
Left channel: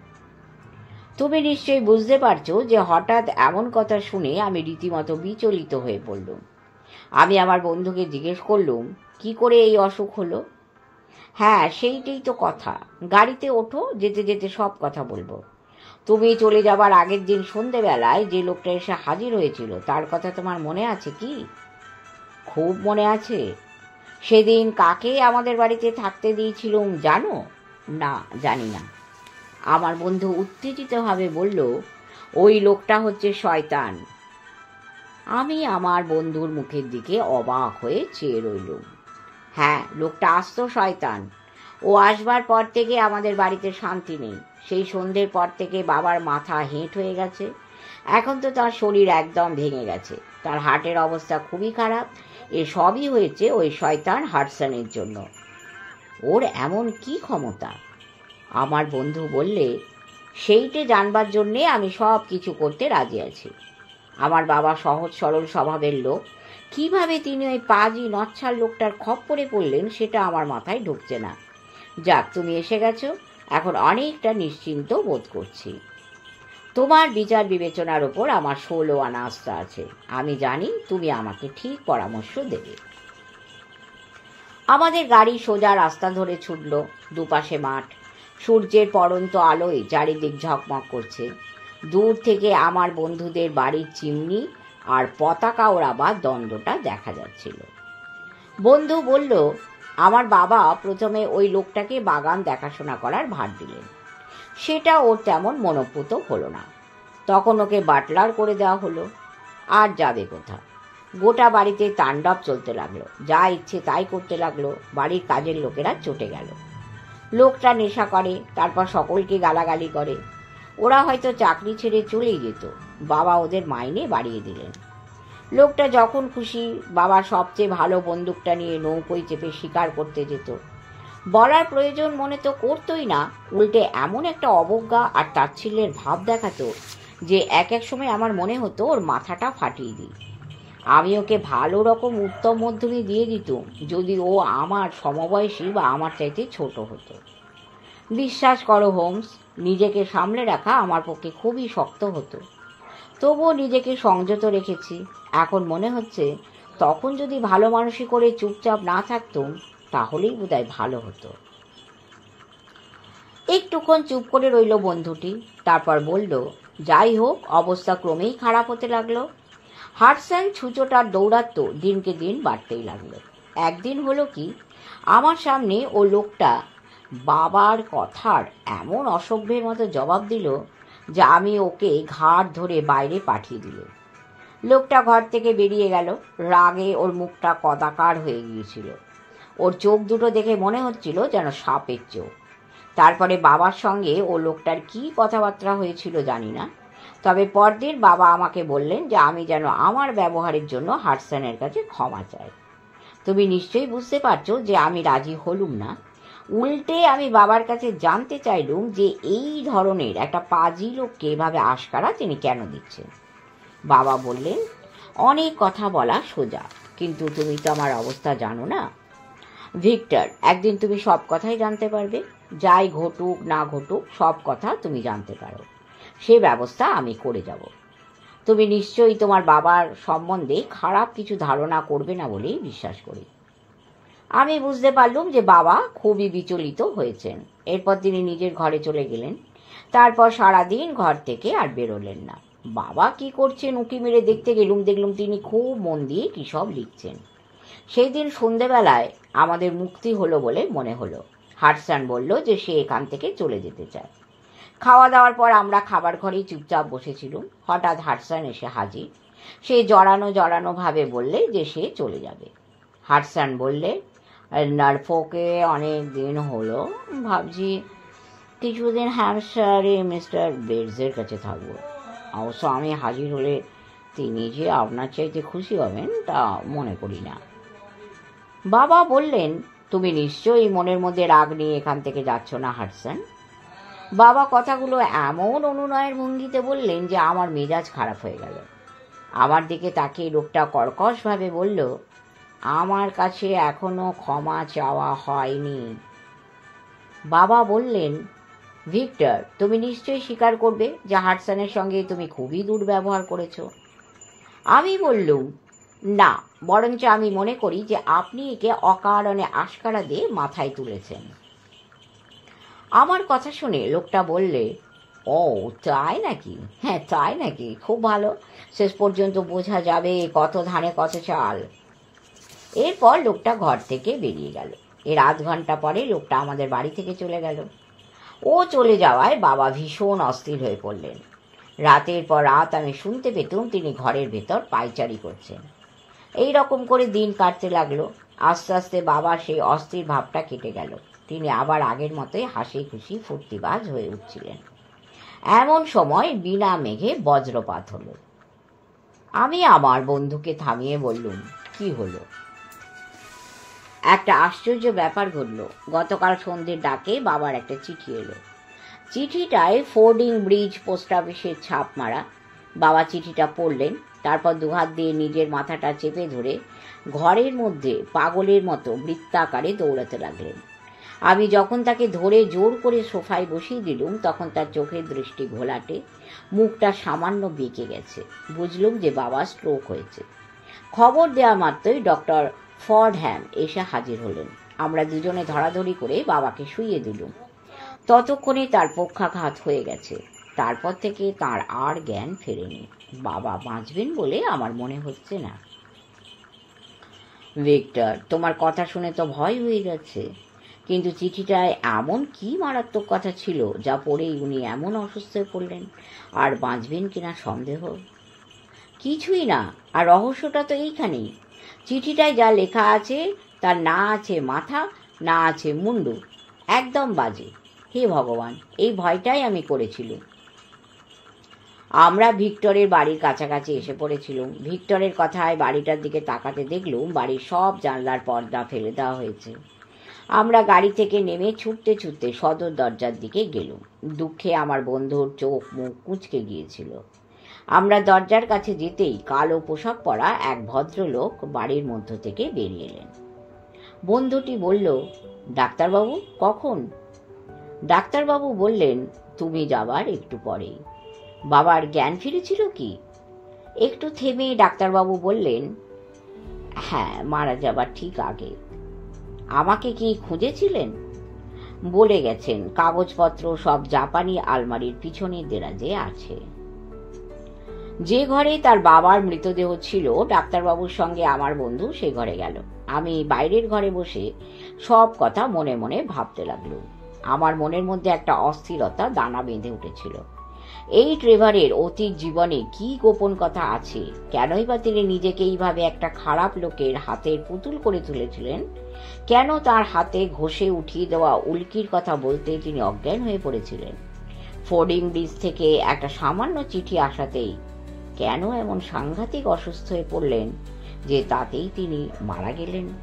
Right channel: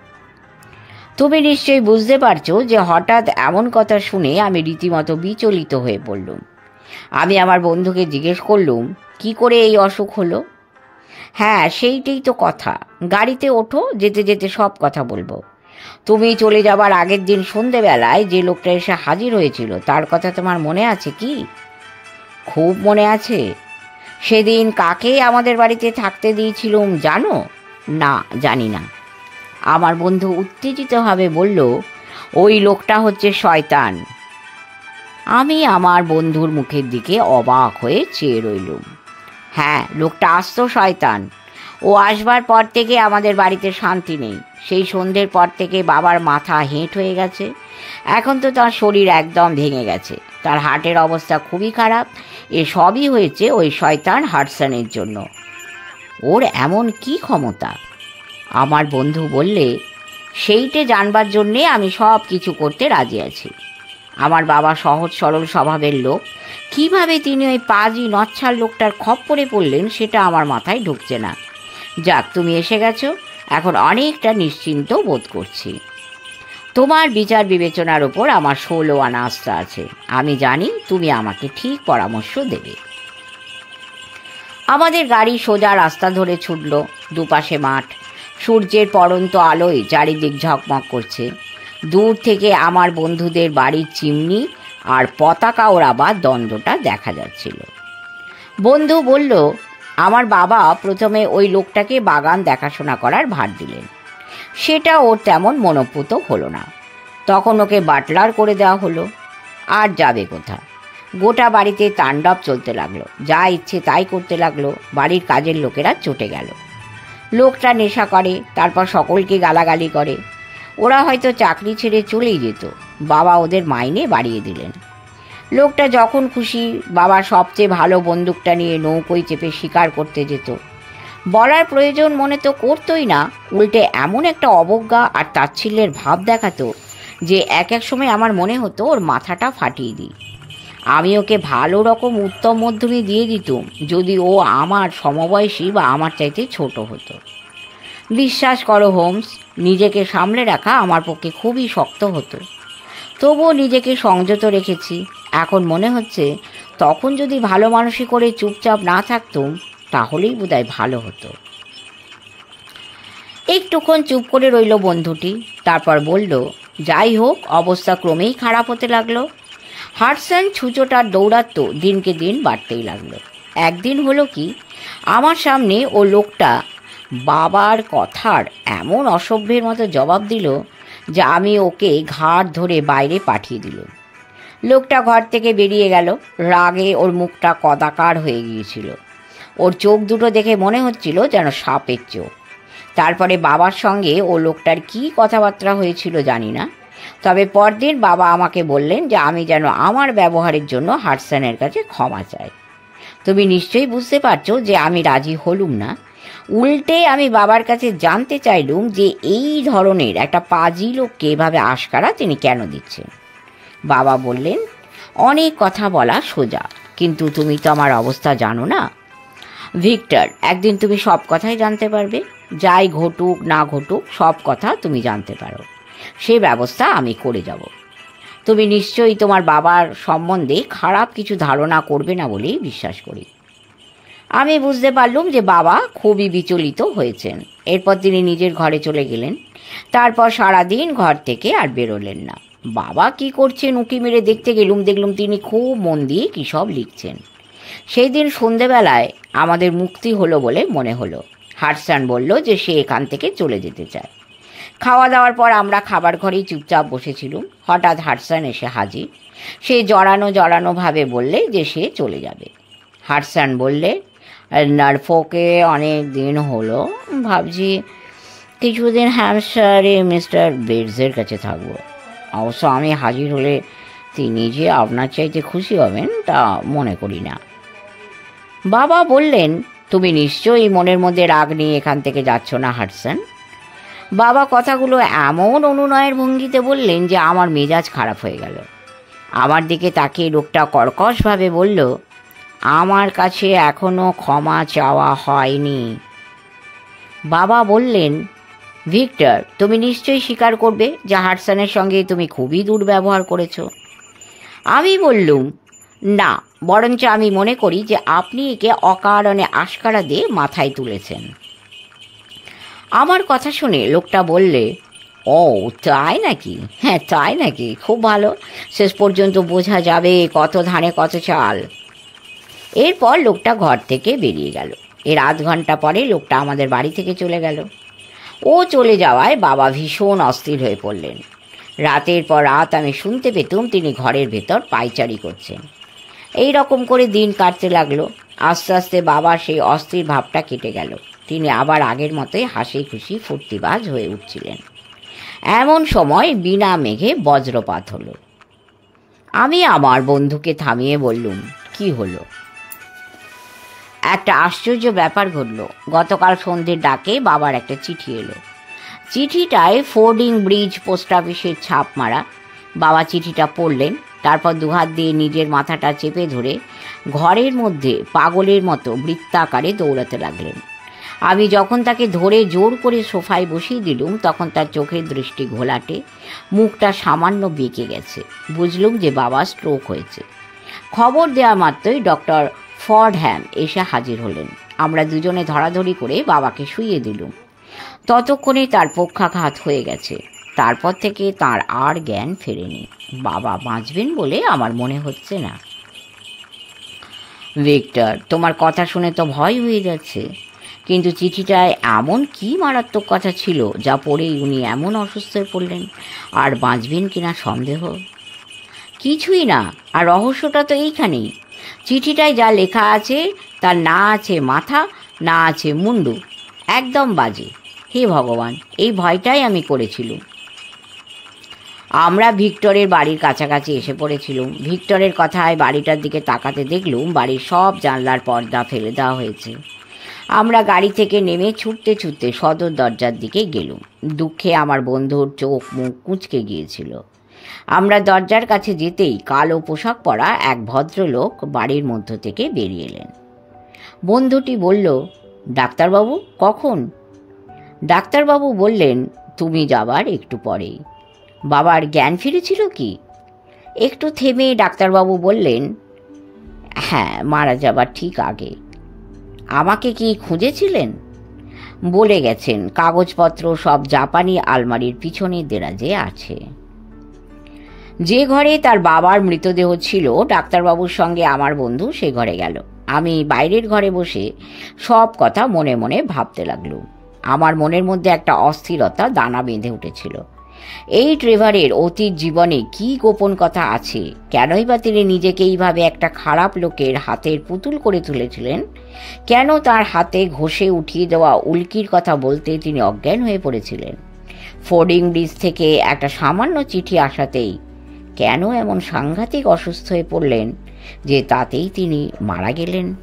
তুমি নিশ্চয়ই বুঝতে পারছো যে হঠাৎ এমন কথা শুনে আমি রীতিমতো বিচলিত হয়ে পড়লুম। আমি আমার বন্ধুকে জিজ্ঞেস করলুম, কি করে এই অসুখ হলো? হ্যাঁ, সেইটাই তো কথা। গাড়িতে ওঠো, যেতে যেতে সব কথা বলবো। তুমি চলে যাবার আগের দিন সন্ধেবেলায় যে লোকটা এসে হাজির হয়েছিল তার কথা তোমার মনে আছে কি? খুব মনে আছে। সেদিন কাকে আমাদের বাড়িতে থাকতে দিয়েছিলুম জানো? না, জানি না। আমার বন্ধু উত্তেজিতভাবে বলল, ওই লোকটা হচ্ছে শয়তান। আমি আমার বন্ধুর মুখের দিকে অবাক হয়ে চেয়ে রইলুম। হ্যাঁ, লোকটা আস্ত শয়তান। ও আসবার পর থেকে আমাদের বাড়িতে শান্তি নেই। সেই সন্ধ্যের পর থেকে বাবার মাথা হেঁট হয়ে গেছে। এখন তো তার শরীর একদম ভেঙে গেছে। তার হার্টের অবস্থা খুবই খারাপ। এ সবই হয়েছে ওই শয়তান হাডসনের জন্য। ওর এমন কি ক্ষমতা? আমার বন্ধু বললে, সেইটে জানবার জন্যে আমি সব কিছু করতে রাজি আছি। আমার বাবা সহজ সরল স্বভাবের লোক। কিভাবে তিনি ওই পাজি নচ্ছার লোকটার খপ্পরে পড়লেন সেটা আমার মাথায় ঢুকছে না। যাক, তুমি এসে গেছো, এখন অনেকটা নিশ্চিন্ত বোধ করছি। তোমার বিচার বিবেচনার ওপর আমার 16 আনা আস্থা আছে। আমি জানি তুমি আমাকে ঠিক পরামর্শ দেবে। আমাদের গাড়ি সোজা রাস্তা ধরে ছুটল। দুপাশে মাঠ, সূর্যের পড়ন্ত আলোয় চারিদিক ঝকমক করছে। দূর থেকে আমার বন্ধুদের বাড়ির চিমনি আর পতাকা ওড়াবার দ্বন্দ্বটা দেখা যাচ্ছিল। বন্ধু বলল, আমার বাবা প্রথমে ওই লোকটাকে বাগান দেখাশোনা করার ভার দিলেন। সেটা ওর তেমন মনোপুত হলো না। তখন ওকে বাটলার করে দেওয়া হলো। আর যাবে কোথা? গোটা বাড়িতে তাণ্ডব চলতে লাগলো। যা ইচ্ছে তাই করতে লাগলো। বাড়ির কাজের লোকেরা চটে গেল। লোকটা নেশা করে, তারপর সকলকে গালাগালি করে। ওরা হয়তো চাকরি ছেড়ে চলেই যেত। বাবা ওদের মাইনে বাড়িয়ে দিলেন। লোকটা যখন খুশি বাবার সবচেয়ে ভালো বন্দুকটা নিয়ে নৌকোয় চেপে শিকার করতে যেত। বলার প্রয়োজন মনে তো করতোই না, উল্টে এমন একটা অবজ্ঞা আর তাচ্ছিল্যের ভাব দেখাতো যে এক এক সময় আমার মনে হতো ওর মাথাটা ফাটিয়ে দিই। আমি ওকে ভালো রকম উত্তম মধ্যমে দিয়ে দিতুম যদি ও আমার সমবয়সী বা আমার চাইতে ছোট হতো। বিশ্বাস করো হোমস, নিজেকে সামলে রাখা আমার পক্ষে খুবই শক্ত হতো। তবুও নিজেকে সংযত রেখেছি। এখন মনে হচ্ছে তখন যদি ভালো মানুষই করে চুপচাপ না থাকতুম তাহলেই বোধহয় ভালো হতো। একটুক্ষণ চুপ করে রইল বন্ধুটি। তারপর বলল, যাই হোক, অবস্থা ক্রমেই খারাপ হতে লাগলো। হাডসন ছুঁচোটার দৌরাত্ম্য দিনকে দিন বাড়তেই লাগলো। একদিন হলো কি, আমার সামনে ও লোকটা বাবার কথার এমন অসভ্যের মতো জবাব দিল যে আমি ওকে ঘাড় ধরে বাইরে পাঠিয়ে দিল। লোকটা ঘর থেকে বেরিয়ে গেল। রাগে ওর মুখটা কদাকার হয়ে গিয়েছিল। ওর চোখ দুটো দেখে মনে হচ্ছিল যেন সাপের চোখ। তারপরে বাবার সঙ্গে ও লোকটার কি কথাবার্তা হয়েছিল জানি না, তবে পরদিন বাবা আমাকে বললেন যে আমি যেন আমার ব্যবহারের জন্য হাডসনের কাছে ক্ষমা চাই। তুমি নিশ্চয়ই বুঝতে পারছো যে আমি রাজি হলুম না। উল্টে আমি বাবার কাছে জানতে চাইলুম যে এই ধরনের একটা পাজি লোককে এভাবে আশকারা তিনি কেন দিচ্ছেন। বাবা বললেন, অনেক কথা বলা সোজা, কিন্তু তুমি তো আমার অবস্থা জানো না ভিক্টর। একদিন তুমি সব কথাই জানতে পারবে। যাই ঘটুক না ঘটুক সব কথা তুমি জানতে পারো। সে ব্যবস্থা আমি করে যাব। তুমি নিশ্চয়ই তোমার বাবার সম্বন্ধে খারাপ কিছু ধারণা করবে না বলেই বিশ্বাস করি। আমি বুঝতে পারলুম যে বাবা খুবই বিচলিত হয়েছেন। এরপর তিনি নিজের ঘরে চলে গেলেন। তারপর সারাদিন ঘর থেকে আর বেরোলেন না। বাবা কি করছেন উঁকি মেরে দেখতে দেখলুম তিনি খুব মন দিয়ে কী সব লিখছেন। সেই দিন সন্ধেবেলায় আমাদের মুক্তি হলো বলে মনে হলো। হাডসন বলল যে সে এখান থেকে চলে যেতে চায়। খাওয়া দাওয়ার পর আমরা খাবার ঘরেই চুপচাপ বসেছিলুম। হঠাৎ হাডসন এসে হাজির। সে জড়ানোভাবে বললে যে সে চলে যাবে। হাডসন বললে, নরফোকে অনেক দিন হলো, ভাবছি কিছুদিন হ্যাম্পশায়ারে মিস্টার বেটসের কাছে থাকবো। অবশ্য আমি হাজির হলে তিনি যে আপনার চাইতে খুশি হবেন তা মনে করি না। বাবা বললেন, তুমি নিশ্চয়ই মনের মধ্যে রাগ নিয়ে এখান থেকে যাচ্ছ না হাডসন? বাবা কথাগুলো এমন অনুনয়ের ভঙ্গিতে বললেন যে আমার মেজাজ খারাপ হয়ে গেল। আমার দিকে তাকিয়ে লোকটা কর্কশভাবে বলল, আমার কাছে এখনো ক্ষমা চাওয়া হয়নি। বাবা বললেন, ভিক্টর, তুমি নিশ্চয়ই স্বীকার করবে যে হাডসনের সঙ্গে তুমি খুবই দুর্ব্যবহার করেছ। আমি বললুম, না, বরঞ্চ আমি মনে করি যে আপনি একে অকারণে আশকারা দিয়ে মাথায় তুলেছেন। আমার কথা শুনে লোকটা বললে, ও তাই নাকি? হ্যাঁ তাই নাকি? খুব ভালো, শেষ পর্যন্ত বোঝা যাবে কত ধানে কত চাল। এরপর লোকটা ঘর থেকে বেরিয়ে গেল। এর আধ ঘন্টা পরে লোকটা আমাদের বাড়ি থেকে চলে গেল। ও চলে যাওয়ায় বাবা ভীষণ অস্থির হয়ে পড়লেন। রাতের পর রাত আমি শুনতে পেতুম তিনি ঘরের ভেতর পায়চারি করছেন। এই রকম করে দিন কাটতে লাগলো। আস্তে আস্তে বাবার সেই অস্থির ভাবটা কেটে গেল। তিনি আবার আগের মতোই হাসি খুশি ফুর্তিবাজ হয়ে উঠছিলেন। এমন সময় বিনা মেঘে বজ্রপাত হলো। আমি আমার বন্ধুকে থামিয়ে বললুম, কি হলো? একটা আশ্চর্য ব্যাপার ঘটল। গতকাল সন্ধ্যের ডাকে বাবার একটা চিঠি এলো। চিঠিটায় ফোর্ডিং ব্রিজ পোস্ট অফিসের ছাপ মারা। বাবা চিঠিটা পড়লেন, তারপর দুহাত দিয়ে নিজের মাথাটা চেপে ধরে ঘরের মধ্যে পাগলের মতো বৃত্তাকারে দৌড়াতে লাগলেন। আমি যখন তাকে ধরে জোর করে সোফায় বসিয়ে দিলুম তখন তার চোখের দৃষ্টি ঘোলাটে, মুখটা সামান্য বেঁকে গেছে। বুঝলুম যে বাবা স্ট্রোক হয়েছে। খবর দেওয়া মাত্রই ডক্টর ফর্ডহ্যাম এসে হাজির হলেন। আমরা দুজনে ধরাধরি করে বাবাকে শুইয়ে দিলুম। ততক্ষণে তার পক্ষাঘাত হয়ে গেছে। তারপর থেকে তার আর জ্ঞান ফেরেনি। বাবা বাঁচবেন বলে আমার মনে হচ্ছে না। ভিক্টর, তোমার কথা শুনে তো ভয় হয়ে যাচ্ছে, কিন্তু চিঠিটায় এমন কি মারাত্মক কথা ছিল যা পড়েই উনি এমন অসুস্থ হয়ে পড়লেন? আর বাঁচবেন কিনা সন্দেহ। কিছুই না, আর রহস্যটা তো এইখানেই। চিঠিটায় যা লেখা আছে তার না আছে মাথা, না আছে মুন্ডু, একদম বাজে। হে ভগবান, এই ভয়টাই আমি করেছিলুম। আমরা ভিক্টরের বাড়ির কাছাকাছি এসে পড়েছিলুম। ভিক্টরের কথায় বাড়িটার দিকে তাকাতে দেখলুম বাড়ির সব জানলার পর্দা ফেলে দেওয়া হয়েছে। আমরা গাড়ি থেকে নেমে ছুটতে ছুটতে সদর দরজার দিকে গেলুম। দুঃখে আমার বন্ধুর চোখ মুখ কুঁচকে গিয়েছিল। আমরা দরজার কাছে যেতেই কালো পোশাক পরা এক ভদ্রলোক বাড়ির মধ্য থেকে বেরিয়ে এলেন। বন্ধুটি বলল, ডাক্তারবাবু কখন? ডাক্তারবাবু বললেন, তুমি যাবার একটু পরেই। বাবার জ্ঞান ফিরেছিল কি? একটু থেমে ডাক্তারবাবু বললেন, হ্যাঁ, মারা যাবার ঠিক আগে। আমাকে কি খুঁজেছিলেন? বলে গেছেন, কাগজপত্র সব জাপানি আলমারির পিছনের দেরাজে আছে। যে ঘরে তার বাবার মৃতদেহ ছিল, ডাক্তারবাবুর সঙ্গে আমার বন্ধু সে ঘরে গেল। আমি বাইরের ঘরে বসে সব কথা মনে মনে ভাবতে লাগলুম। আমার মনের মধ্যে একটা অস্থিরতা দানা বেঁধে উঠেছিল। এই ট্রেভারের অতীত জীবনে কি গোপন কথা আছে? কেনই বা তিনি নিজেকে এইভাবে একটা খারাপ লোকের হাতের পুতুল করে তুলেছিলেন? কেন তার হাতে ঘষে উঠিয়ে দেওয়া উল্কির কথা বলতে তিনি অজ্ঞান হয়ে পড়েছিলেন? ফোর্ডিং ব্রিজ থেকে একটা সামান্য চিঠি আসাতেই কেন এমন সাংঘাতিক অসুস্থ হয়ে পড়লেন যে তাতেই তিনি মারা গেলেন?